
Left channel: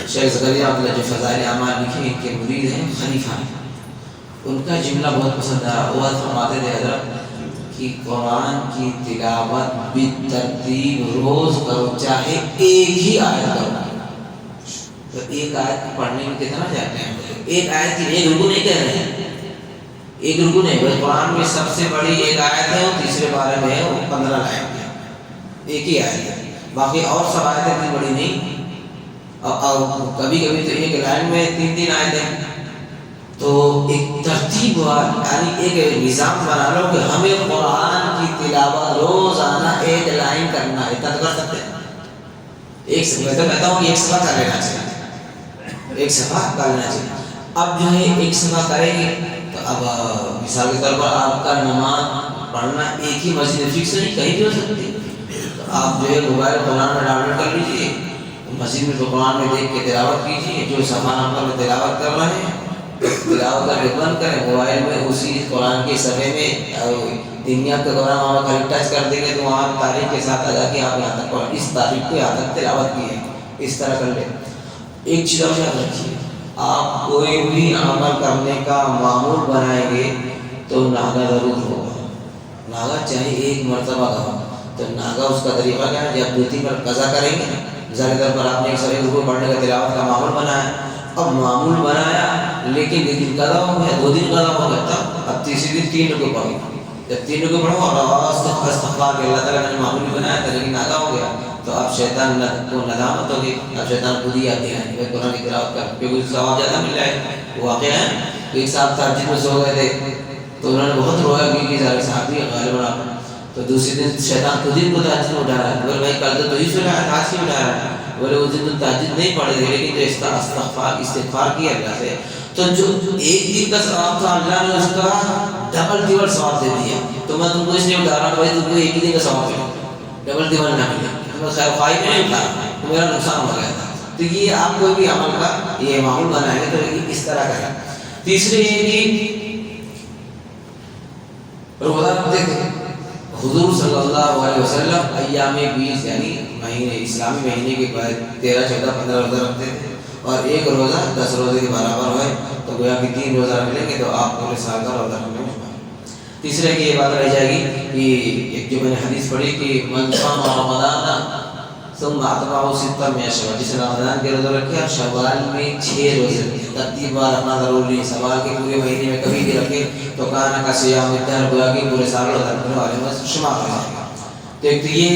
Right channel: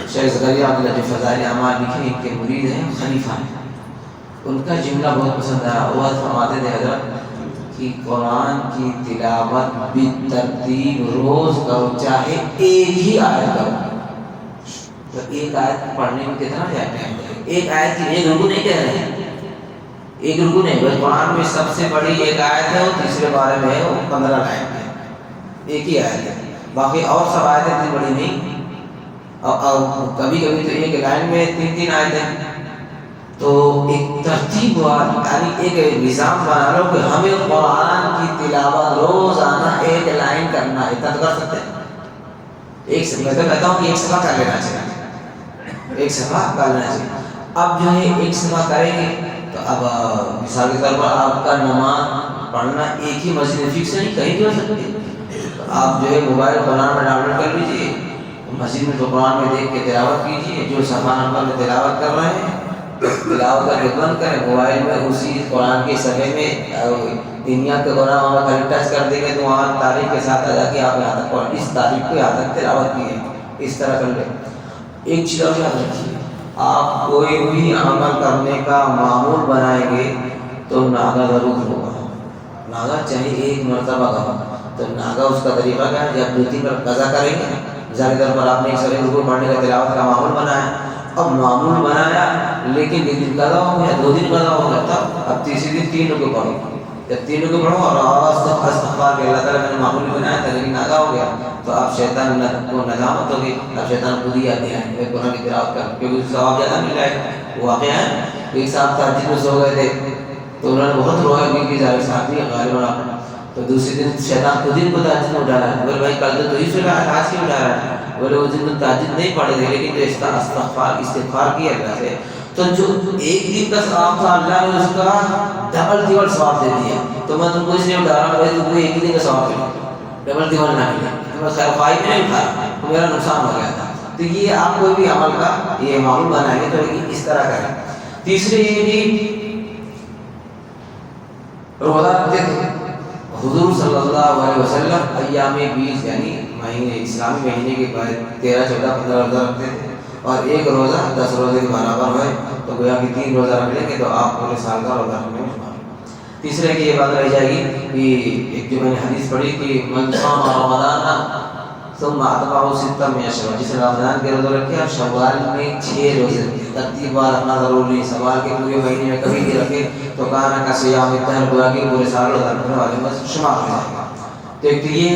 شیخ زکریا رحمۃ اللہ جو فضائل اعمال لکھے ان کے مرید ہیں، خلیفہ ہیں، ان کا جملہ بہت پسند آیا، وہ فرماتے تھے حضرت کہ قرآن کی تلاوت بالترتیب روز کرو، چاہے ایک ہی آیت کرو، تو ایک آیت پڑھنے میں کتنا جاتے ہیں، ایک آیت کی ایک رکو نہیں کہہ رہے ہیں، ایک رکو نہیں، بھائی قرآن میں سب سے بڑی ایک آیت ہے، وہ تیسرے بارے میں ہے، وہ 15 لائن ہے، ایک ہی آیت ہے، باقی اور سب آیتیں اتنی بڑی نہیں، اور کبھی کبھی تو ایک لائن میں 3 آیتیں، تو ایک ترتیب ہوا، یعنی ایک نظام بنا لو کہ ہمیں قرآن کی تلاوت روزانہ ایک لائن کرنا ہے، اتنا تو کر سکتے ہیں، ایک سے میں تو کہتا ہوں کہ ایک صفحہ کر لینا چاہیے، ایک صفحہ کر لینا چاہیے۔ اب جو ہے ایک صفحہ کریں گے تو اب مثال کے طور پر آپ کا نماز پڑھنا ایک ہی مسجد فکس نہیں، کہیں بھی ہو سکتی ہے، تو آپ جو ہے موبائل قرآن میں ڈاؤن لوڈ کر لیجیے، مسجد میں قرآن میں دیکھ کے تلاوت کیجیے، جو صفحہ نمبر میں تلاوت کر رہے ہیں تلاوت کر کے بند کریں، موبائل میں اسی قرآن کے صفحے میں دنیا کے قرآن وہاں کہیں ٹچ کر دیں گے تو وہاں تاریخ کے ساتھ آ جا کے آپ یہاں تک قرآن اس تاریخ کو یہاں تک تلاوت کی ہے، اس طرح کر لیں۔ ایک چیز اور یاد رکھیے، آپ کوئی بھی عمل کرنے کا معمول بنائیں گے تو ناغہ ضرور ہوگا، ناغہ چاہے ایک مرتبہ کا ہو، تو ناغہ اس کا طریقہ کیا ہے، جب 2-3 بار قضا کریں گے، مثال کے طور پر آپ نے ایک سر رکوع پڑھنے کا تلاوت کا معمول بنایا، اب معمول بنایا لیکن 2 دن قضا ہو گیا، 2 دن قضا ہو جاتا، اب تیسری دن 3 رکوع پڑھو، جب 3 رکوع پڑھو اور استغفار کہ اللہ تعالیٰ نے معمول بنایا تھا لیکن ناغہ ہو گیا، تو اب شیطان کو ندامت ہوگی، اب شیطان خود ہی آتے ہیں کہ قرآن کی تلاوت کر، کیونکہ اس ثواب زیادہ مل جائے گا۔ واقعہ ہے ایک صاحب تہجد میں سو گئے تھے تو انہوں نے بہت رویا کیونکہ سارے صحابی غالباً، تو دوسرے دن شیطان خود ان کو تہجد میں اٹھا رہا ہے، بولے بھائی کل تو ہی سو رہا ہے، آج کیوں اٹھا رہا ہے؟ بولے اس دن تہجد نہیں پڑھے تھے لیکن جو اس کا استغفار کیا اللہ سے، تو جو ایک دن کا ثواب تھا اللہ نے اس کا ڈبل ٹربل ثواب دے دیا، تو میں تم کو اس لیے اٹھا رہا ہوں بھائی تم کو ایک ہی دن کا ثواب ملے، ڈبل ٹربل نہ ملے، میں خیر خواہی میں نہیں اٹھا، تو میرا نقصان ہو گیا تھا۔ تو یہ آپ کوئی بھی عمل کا یہ معمول بنائیں گے تو اس طرح کریں۔ تیسرے یہ کہ روزہ رکھتے تھے حضور صلی اللہ علیہ وسلم، ایام 20 یعنی مہینے اسلامی مہینے کے بعد 13، 14، 15 روزہ رکھتے تھے، اور ایک روزہ 10 روزے کے برابر ہوئے تو گویا کہ 3 روزہ رکھ لیں گے تو آپ پورے سال کا روزہ رکھنے میں شمار۔ تیسرے کی یہ بات رہ جائے گی کہ ایک جو میں نے حدیث پڑھی کہ من صام رمضان ثم اتبعه 6 من شوال، جس نے رمضان کے روزے رکھے اور شوال میں 6 روزے رکھے، ترتیب وار رکھنا ضروری نہیں، سوال کے پورے مہینے میں کبھی بھی رکھے تو کانا کا صیام الدہر، گویا کہ پورے سال روزہ رکھنے والے میں شمار ہو جائے گا۔ تو ایک تو یہ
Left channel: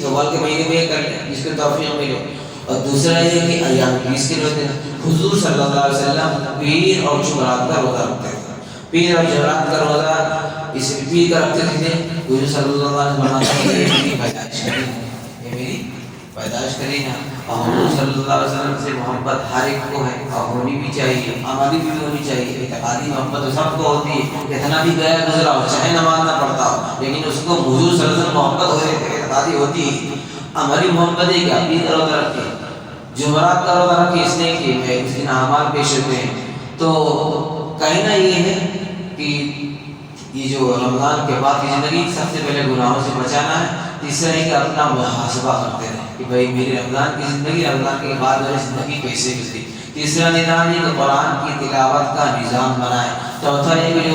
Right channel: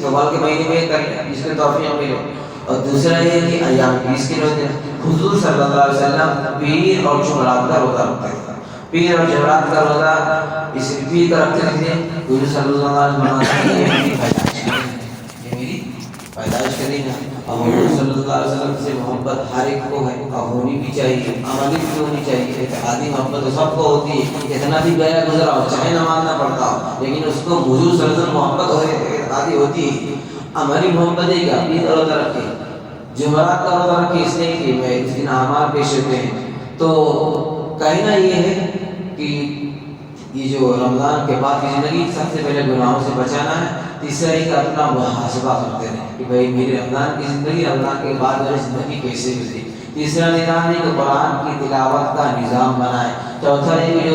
شوال کے مہینے میں کر لیں جس کے توفیق ملے، اور دوسرا یہ کہ ایام 20 کے روزے حضور صلی اللہ علیہ وسلم پیر اور جمعرات کا روزہ رکھتے تھے، پیر اور جمعرات کا روزہ اس پیر کا رکھتے تھے، حضور صلی اللہ علیہ وسلم فرماتے ہیں یہ میری پیدائش ہے، یہ میری پیدائش کریں گا، اور حضور صلی اللہ علیہ وسلم سے محبت ہر ایک کو ہے اور ہونی بھی چاہیے، عملی بھی ہونی چاہیے، اعتقادی محبت تو سب کو ہوتی ہے، اتنا بھی گیا گزرا ہو چاہے نماز نہ پڑھتا ہو لیکن اس کو حضور صلی اللہ علیہ وسلم محبت ہو اعتقادی ہوتی ہے۔ عملی محبت ہے کہ اپنی روزہ رکھے، جمعرات کا روزہ رکھے اس لیے کہ میں اس دن اعمال پیش ہوتے ہیں، تو کہنا یہ ہے کہ یہ جو رمضان کے بعد کی زندگی سب سے پہلے گناہوں سے بچانا ہے. تیسرا ہے کہ اپنا محاسبہ کرتے رہیں کہ بھائی میری رمضان کی زندگی، رمضان کے بعد میری زندگی کیسے گزری. تیسرا نظام یہ کہ قرآن کی تلاوت کا نظام بنائیں. چوتھا یہ کہ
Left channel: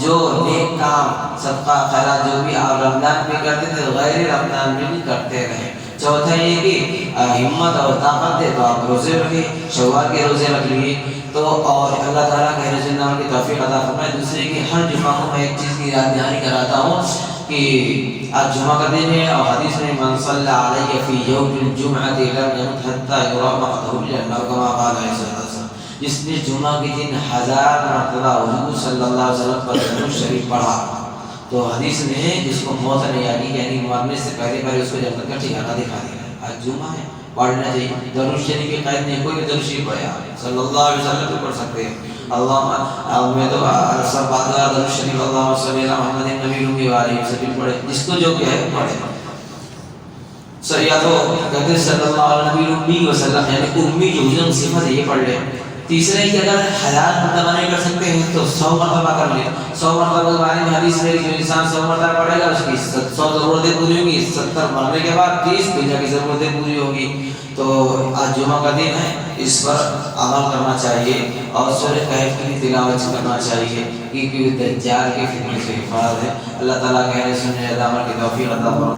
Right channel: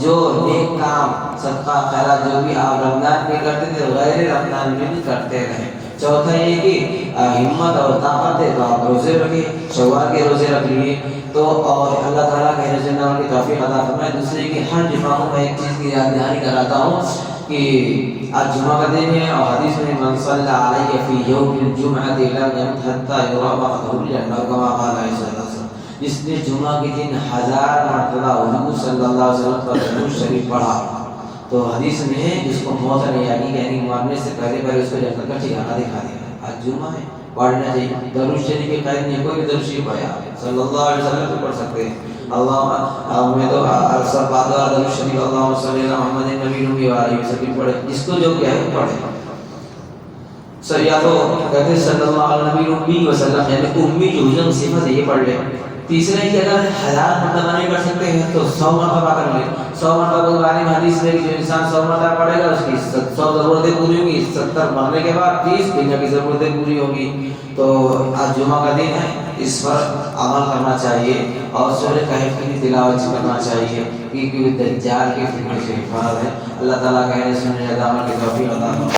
جو نیک کام صدقہ خیرات جو بھی آپ رمضان میں کرتے تھے غیر رمضان میں بھی کرتے رہیں. چوتھا یہ کہ ہمت اور طاقت ہے تو آپ روزے رکھیں، شوال کے روزے رکھ لیے تو، اور اللہ تعالیٰ کے رضا کی توفیق عطا فرمائے. دوسرے کہ ہر جمعہ کو میں ایک چیز کی یاد دہانی کراتا ہوں کہ آج جمعہ کا دن ہے اور حدیث میں من صلی علیہ فی یوم الجمعۃ لم یمت حتی یری مقتہ الا کما قال علیہ السلام. جس نے جمعہ کے دن 1000 مرتبہ حضور صلی اللہ علیہ وسلم پر درود شریف پڑھا تو حدیث میں ہے جس کو موت نہیں آئی، یعنی مرنے سے پہلے اس کو جنت کا ٹھکانہ دکھا دیا. آج جمعہ ہے، پڑھنا چاہیے. درود شریف کی قید نہیں، کوئی بھی درود شریف پڑھا صلی اللہ علیہ وسلم پہ پڑھ سکتے ہیں. اللہ میں تو سب بات درود شریف اللہم صلی علی محمد النبی الامی و آلہ وسلم پڑھے، جس کو جو کیا ہے پڑھے. یا تو کہتے صلی اللہ علیہ نبی الامی وسلم، یعنی امی جو ہجن صفت ہے یہ پڑھ لے. تیسرے کہ اگر 1000 مرتبہ نہیں کر سکتے ہیں تو 100 مرتبہ کر لیں. 100 مرتبہ کے بارے میں حدیث ہے کہ جو انسان 100 مرتبہ پڑھے گا اس کی 100 ضرورتیں پوری ہوں گی، 70 مرنے کے بعد 30 دنیا کی ضرورتیں پوری ہوں گی. تو آج جمعہ کا دن ہے، اس پر عمل کرنا چاہیے اور سورہ کہف کی تلاوت کرنا چاہیے کیونکہ دجال کے فتنے سے حفاظت ہے. اللہ تعالیٰ کہنے سننے عمل کی توفیق عطا فرمائے.